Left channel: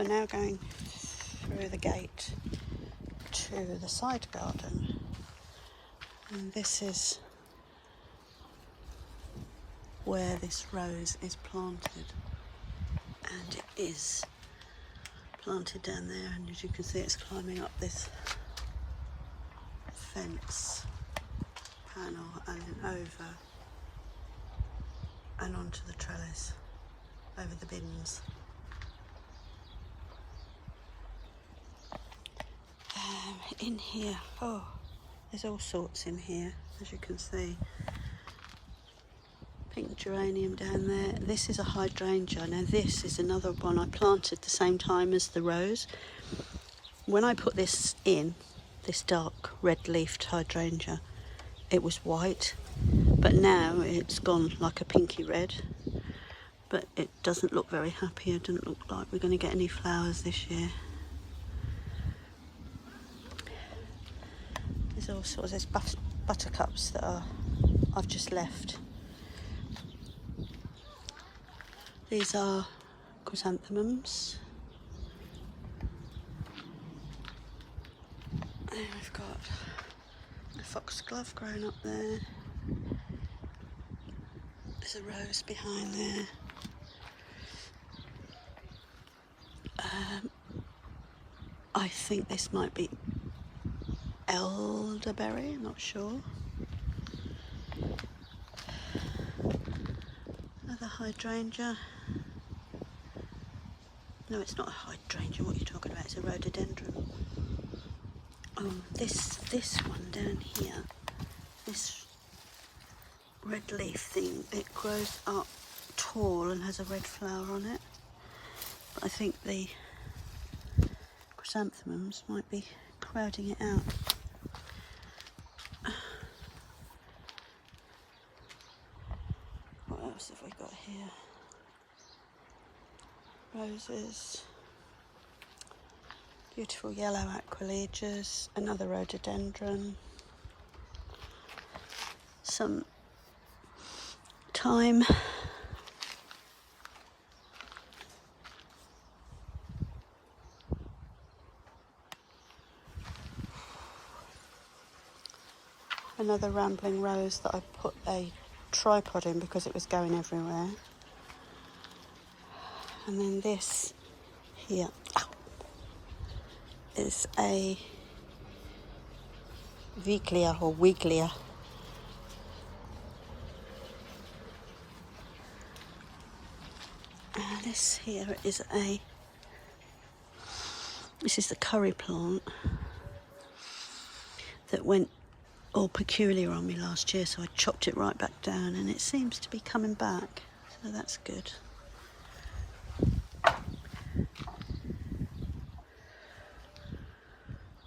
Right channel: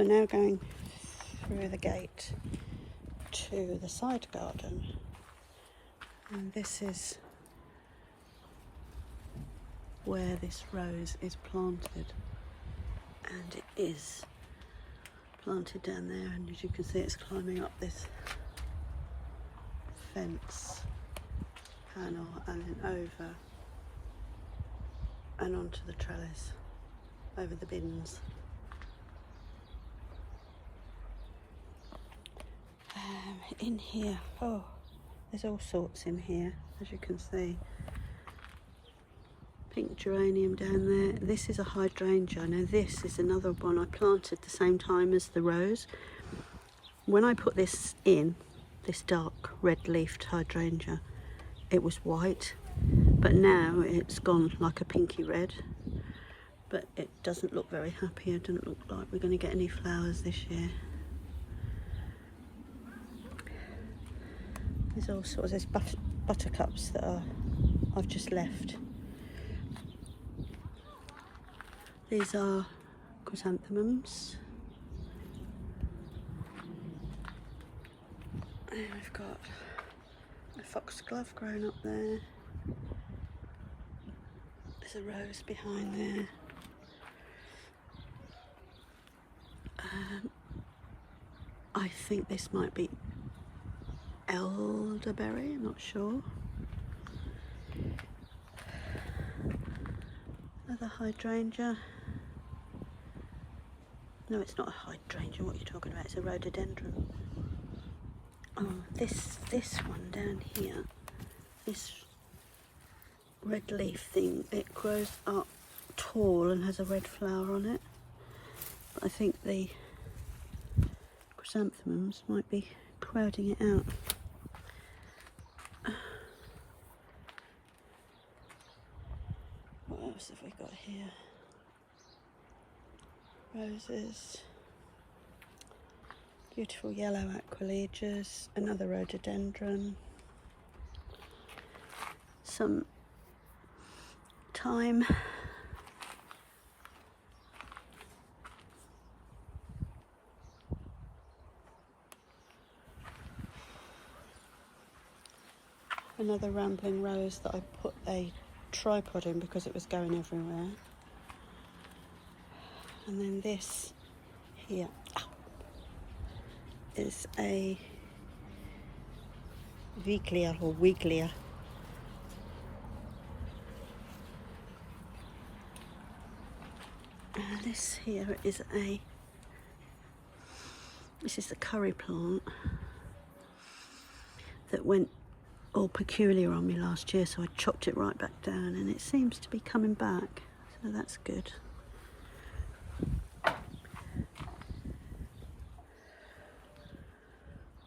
So now going through the gate to the side garden, and this is where this rose is planted, and it is planted down there, and as you can see it's climbing up this fence panel and then over and onto the trellis, over the bins. In here, oh, there's all sorts in here, as you can see. Pink geranium down there. This is a hydrangea. Now this is another one I planted the same time as the rose. When I put this in, this dark red-leafed hydrangea, it was white, but now it's gone like a pinky red. But it doesn't look very happy. It doesn't look like we're going to get any flowers this year. There's all sorts. There's buttercups that I've just left. These are chrysanthemums. And we've got a foxglove growing up there. There's a rose behind there. I think this might be elderberry, I'm not sure. Another hydrangea. No, it's not a hydrangea, what are you talking about? It's a rhododendron. Oh, this one down here, this red leaf thing, it grows up tall and has a red flower on it. But I think the chrysanthemums might be crowding it out. What else have we got here? Roses, beautiful yellow aquiledias, another rhododendron, some thyme, another rambling rose that I put a tripod in because it was going everywhere. And then this here is a Weiglia or Weiglia. And this here is this is the curry plant that went all peculiar on me last year, so I chopped it right back down and it seems to be coming back, so that's good.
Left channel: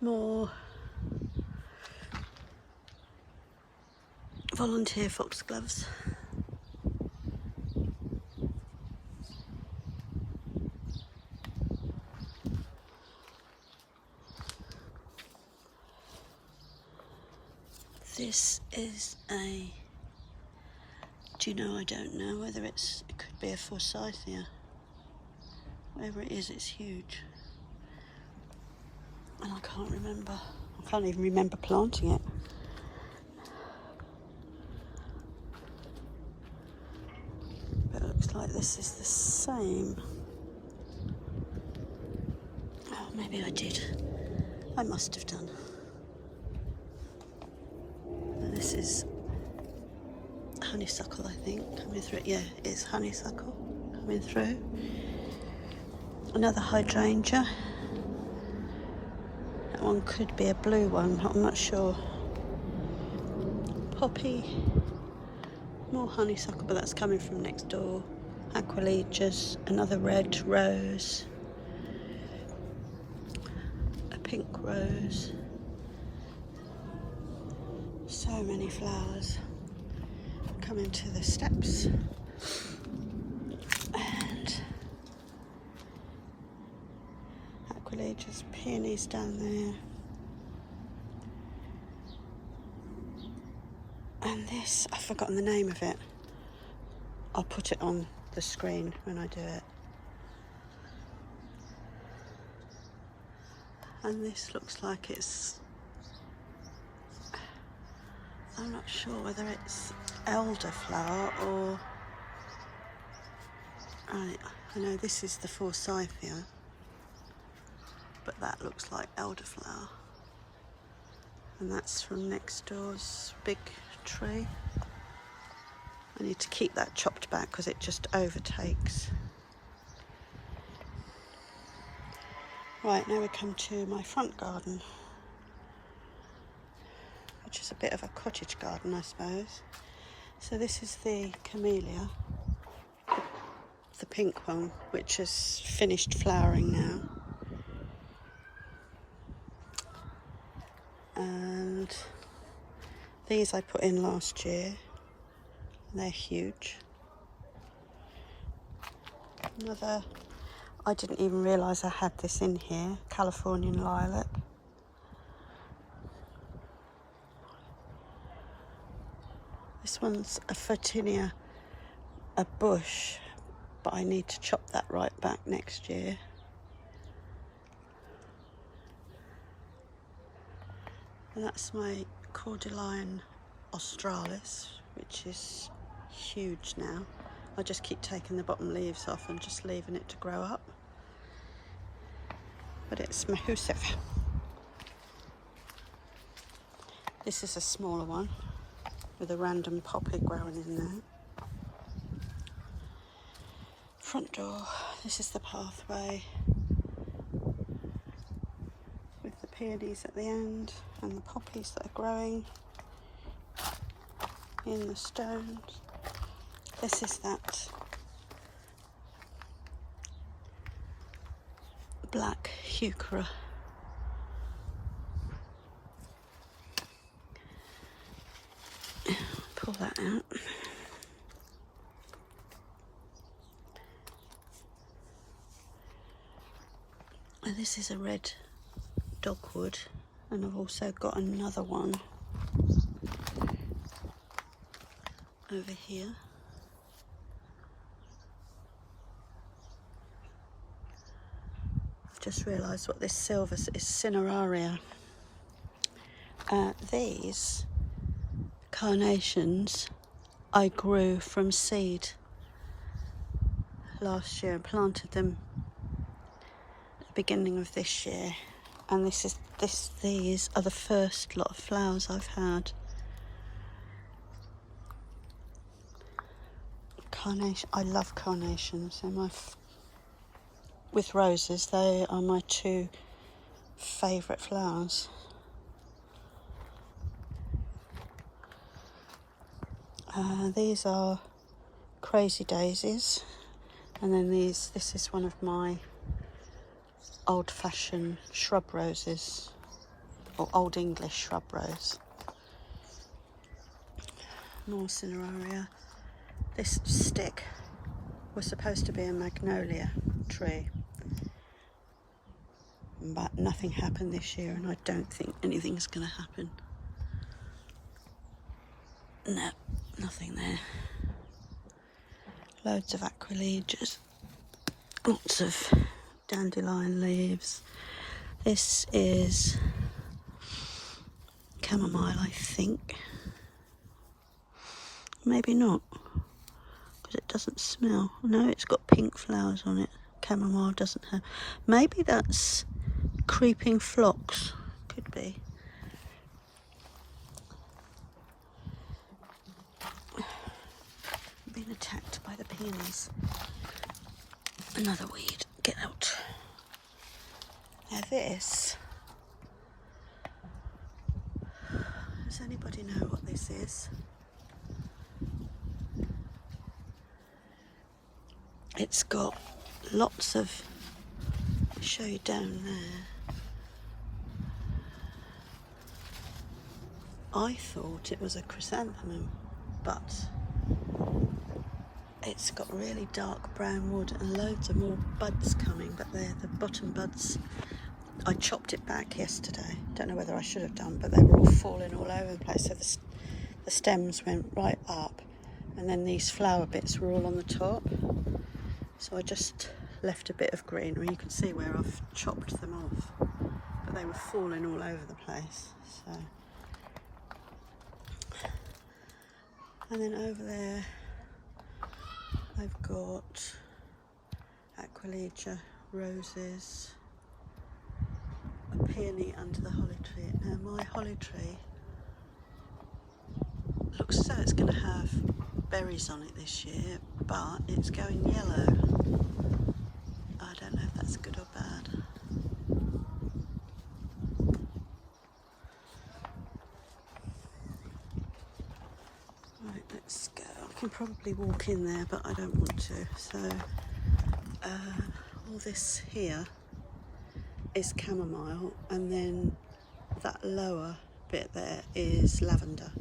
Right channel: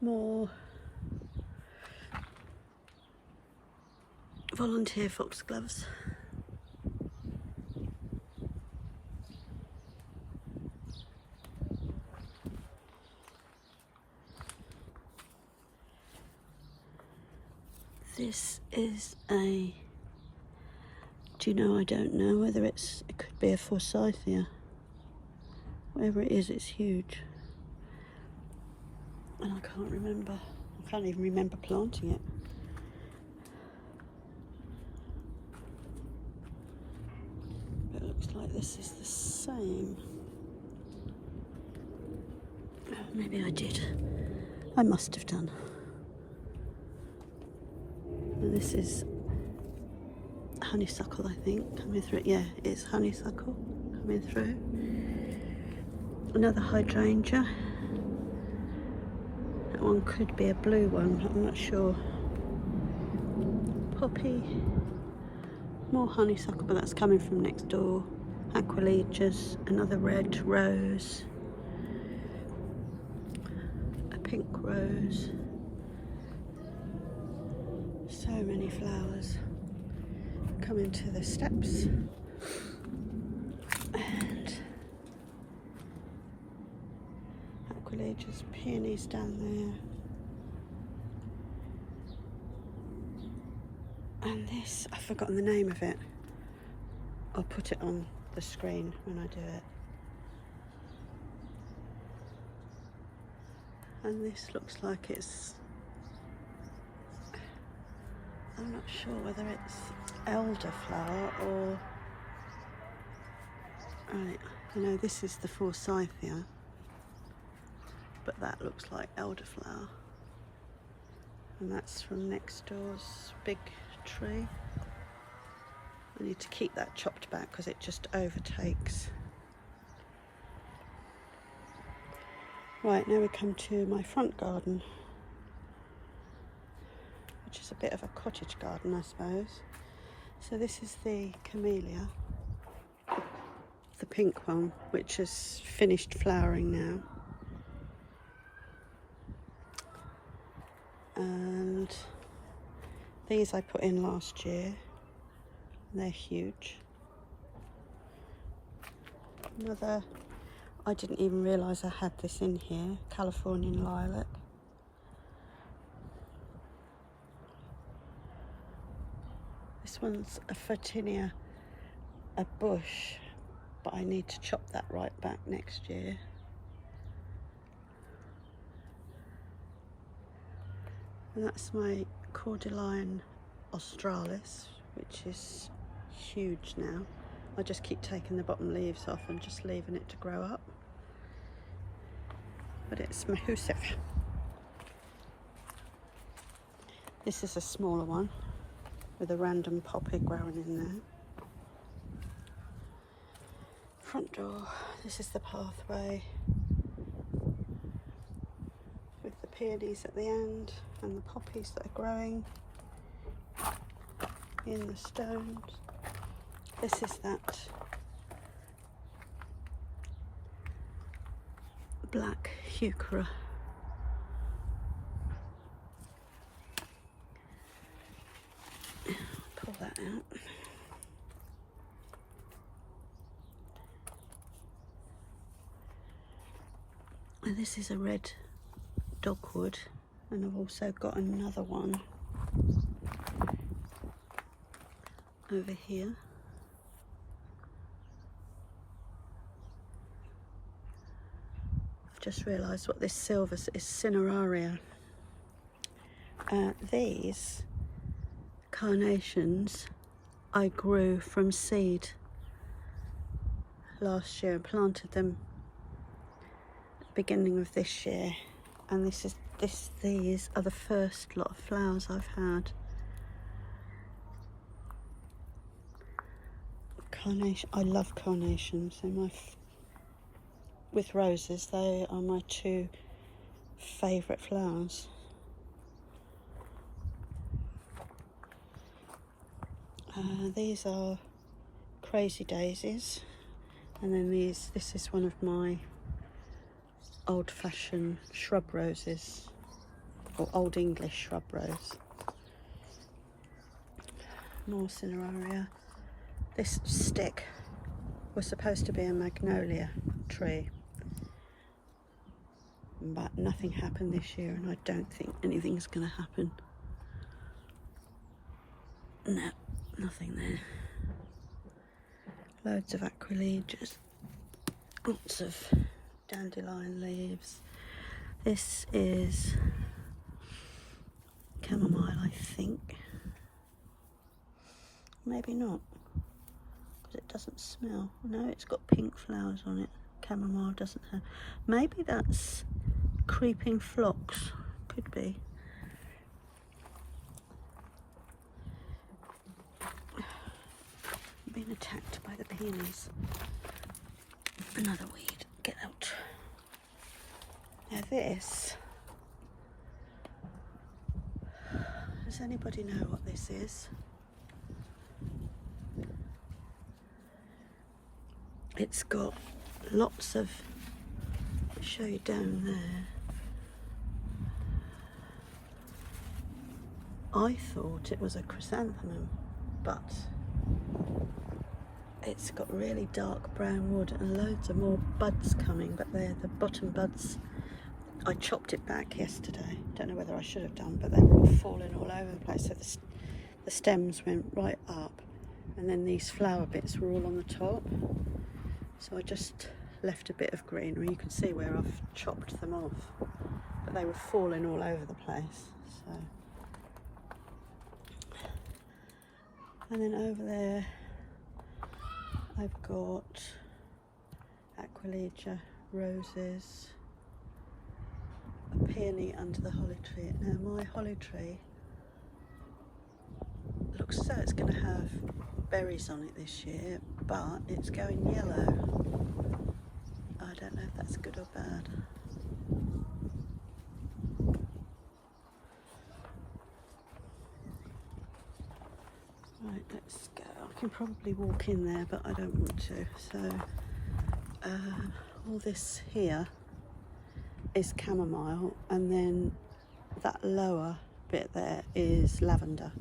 More volunteer foxgloves. This is do you know, I don't know whether it could be a Physocarpus. Whatever it is, it's huge. And I can't even remember planting it. But it looks like this is the same. Oh, maybe I did. I must have done. And this is honeysuckle, I think, coming through. Yeah, it's honeysuckle coming through. Another hydrangea. That one could be a blue one, I'm not sure. Poppy. More honeysuckle, but that's coming from next door. Aquiledias, another red rose. A pink rose. So many flowers. Coming to the steps. And aquiledias, peonies down there. And this, I've forgotten the name of it. I'll put it on the screen when I do it. And this looks like it's, I'm not sure whether it's elderflower or, right, I know this is the Forsythia, but that looks like elderflower. And that's from next door's big tree. I need to keep that chopped back because it just overtakes. Right, now we come to my front garden, which is a bit of a cottage garden, I suppose. So this is the camellia, the pink one, which has finished flowering now. And these I put in last year. They're huge. Another, I didn't even realise I had this in here, Californian lilac. This one's a Photinia, a bush, but I need to chop that right back next year. And that's my Cordyline australis, which is huge now. I just keep taking the bottom leaves off and just leaving it to grow up. But it's mahoosive. This is a smaller one with a random poppy growing in there. Front door, this is the pathway with the peonies at the end and the poppies that are growing in the stones. This is that black heuchera. Pull that out. And this is a red dogwood, and I've also got another one over here. I've just realised what this silver is, cineraria. These carnations I grew from seed last year and planted them at the beginning of this year, and these are the first lot of flowers I've had. Carnation, I love carnations. They're with roses, they are my two favourite flowers. These are crazy daisies, and then this is one of my old-fashioned shrub roses, or Old English shrub rose. More cineraria. This stick was supposed to be a magnolia tree, but nothing happened this year, and I don't think anything's going to happen. No, nothing there. Loads of aquilegias, lots of dandelion leaves. This is chamomile, I think. Maybe not, because it doesn't smell. No, it's got pink flowers on it. Chamomile doesn't have. Maybe that's creeping phlox. Could be. I'm being attacked by the peonies. Another weed. Get out. Now this. Does anybody know what this is? It's got lots of, I'll show you down there. I thought it was a chrysanthemum, but it's got really dark brown wood and loads of more buds coming, but they're the bottom buds. I chopped it back yesterday. Don't know whether I should have done, but they were all falling all over the place. So the stems went right up, and then these flower bits were all on the top. So I just left a bit of greenery. You can see where I've chopped them off, but but they were falling all over the place. So, and then over there I've got Aquilegia roses, a peony under the holly tree. Now my holly tree looks as though it's going to have berries on it this year, but it's going yellow. I don't know if that's good or bad. Right, let's go. I can probably walk in there, but I don't want to. So all this here is chamomile, and then that lower bit there is lavender.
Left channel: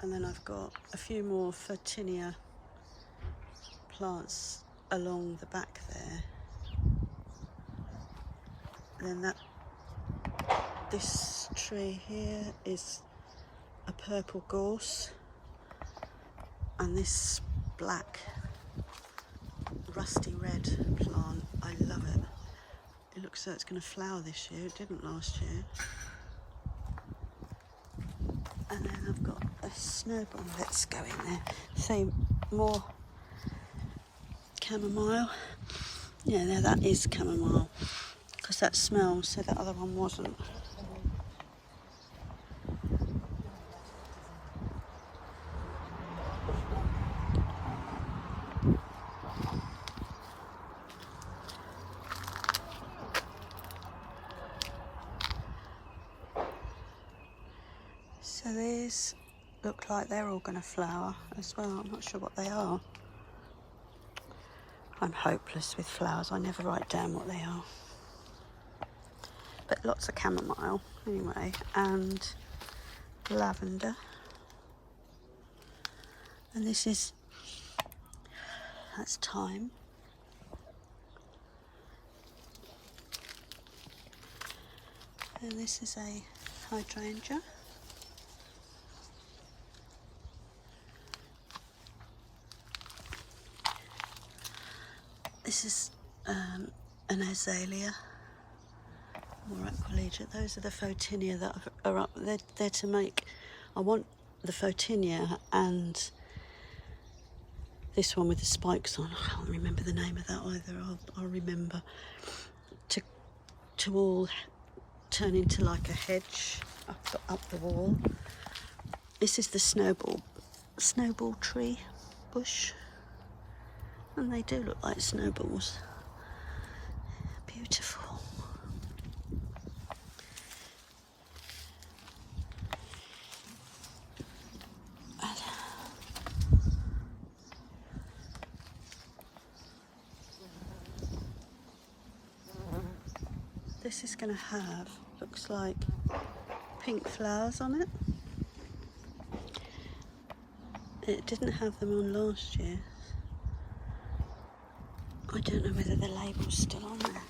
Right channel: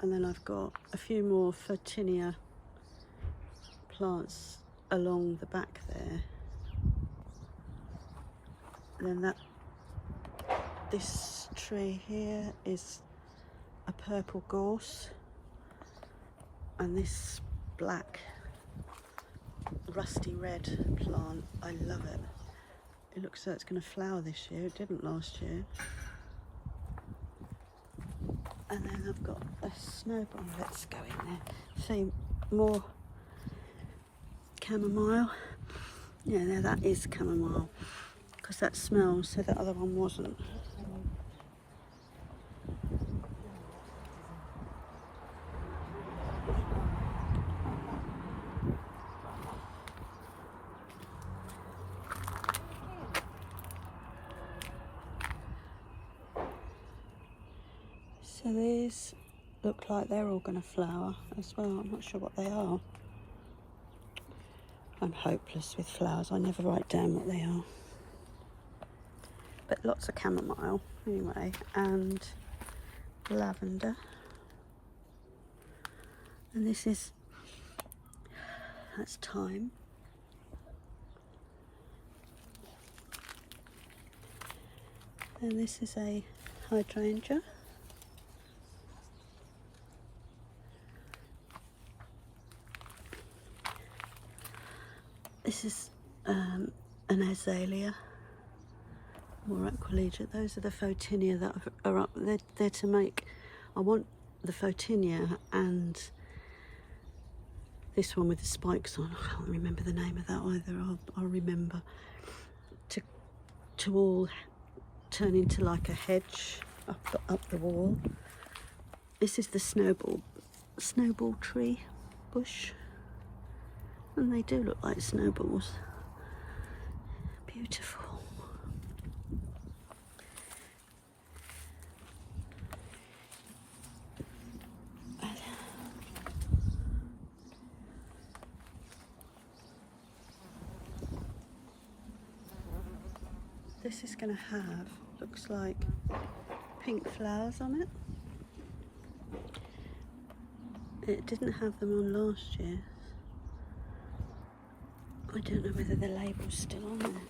And then I've got a few more Photinia plants along the back there. And then this tree here is a purple gorse, and this black rusty red plant, I love it. It looks like it's going to flower this year. It didn't last year. And then I've got a snowball. Let's go in there. See, more chamomile. Yeah, there, that is chamomile, because that smells, so that other one wasn't. So these look like they're all going to flower as well. I'm not sure what they are. I'm hopeless with flowers. I never write down what they are. But lots of chamomile anyway, and lavender. And this is, that's thyme. And this is a hydrangea. This is an azalea, or Aquilegia. Those are the Photinia that are up. They're to make. I want the Photinia and this one with the spikes on. I can't remember the name of that either. I'll remember. To all turn into like a hedge up the wall. This is the snowball tree bush. And they do look like snowballs. Beautiful. And this is going to have, looks like, pink flowers on it. It didn't have them on last year. I don't know whether the label's still on there.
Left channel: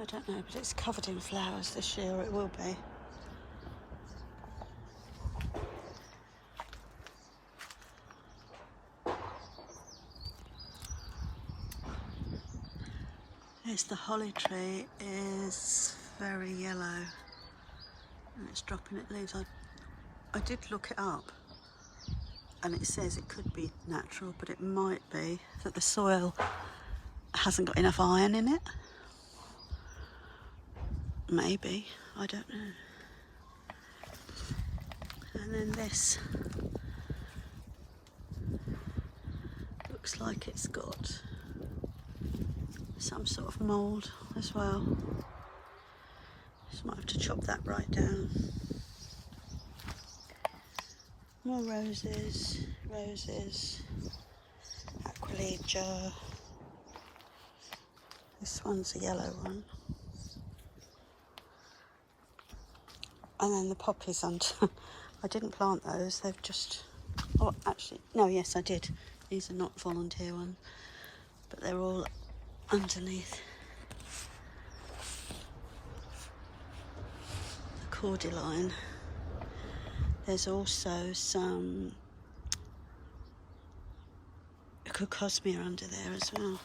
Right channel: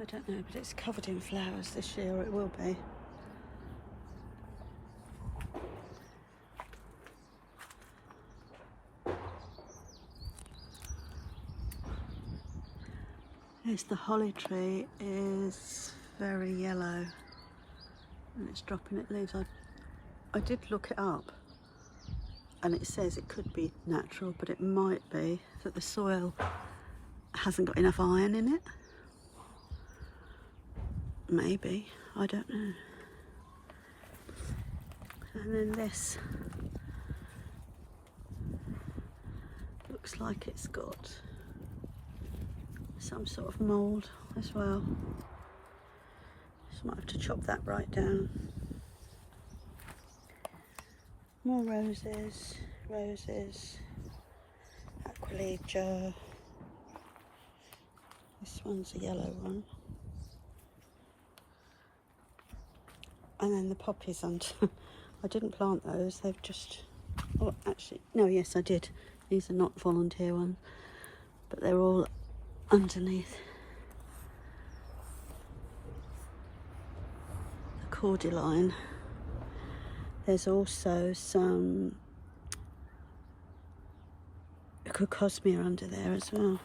I don't know, but it's covered in flowers this year, or it will be. Yes, the holly tree is very yellow. And it's dropping its leaves. I did look it up, and it says it could be natural, but it might be that the soil hasn't got enough iron in it. Maybe, I don't know. And then this looks like it's got some sort of mould as well. Might have to chop that right down. More roses, Aquilegia. This one's a yellow one. And then the poppies under. I didn't plant those, they've just, oh actually, no, yes I did. These are not volunteer ones, but they're all underneath. Cordyline. There's also some Cotoneaster under there as well.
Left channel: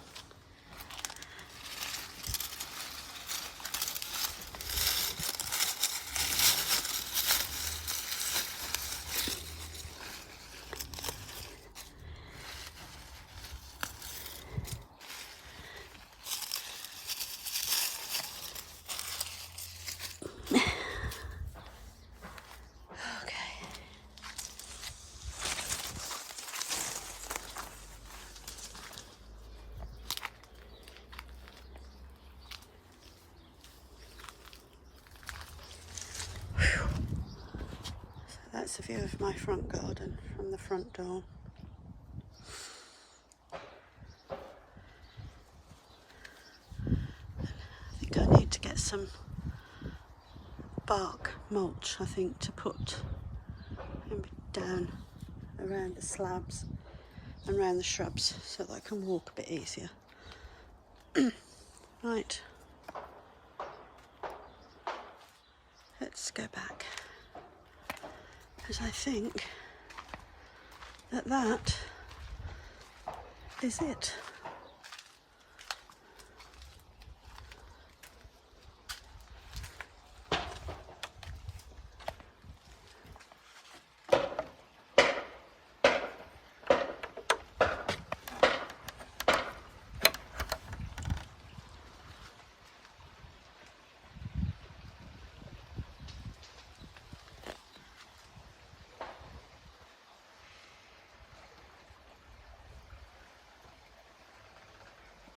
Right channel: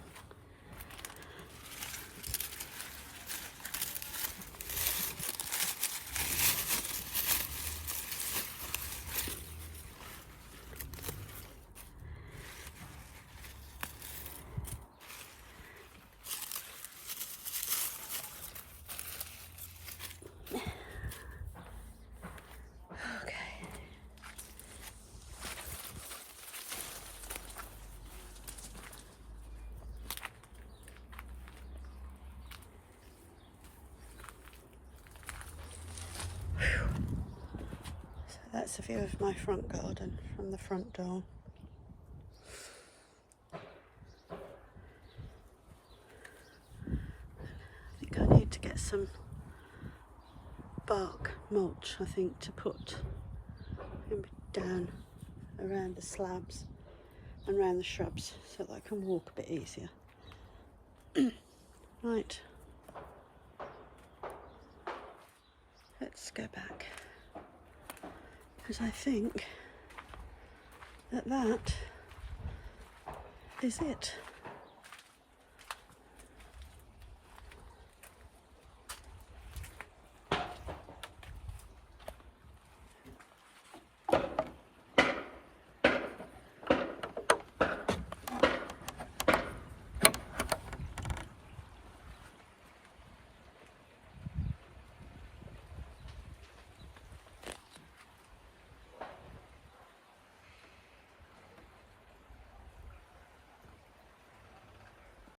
That's the view of my front garden from the front door. I think I need to get some bark mulch, I think, to put down around the slabs and around the shrubs so that I can walk a bit easier. Right, let's go back, because I think that is it.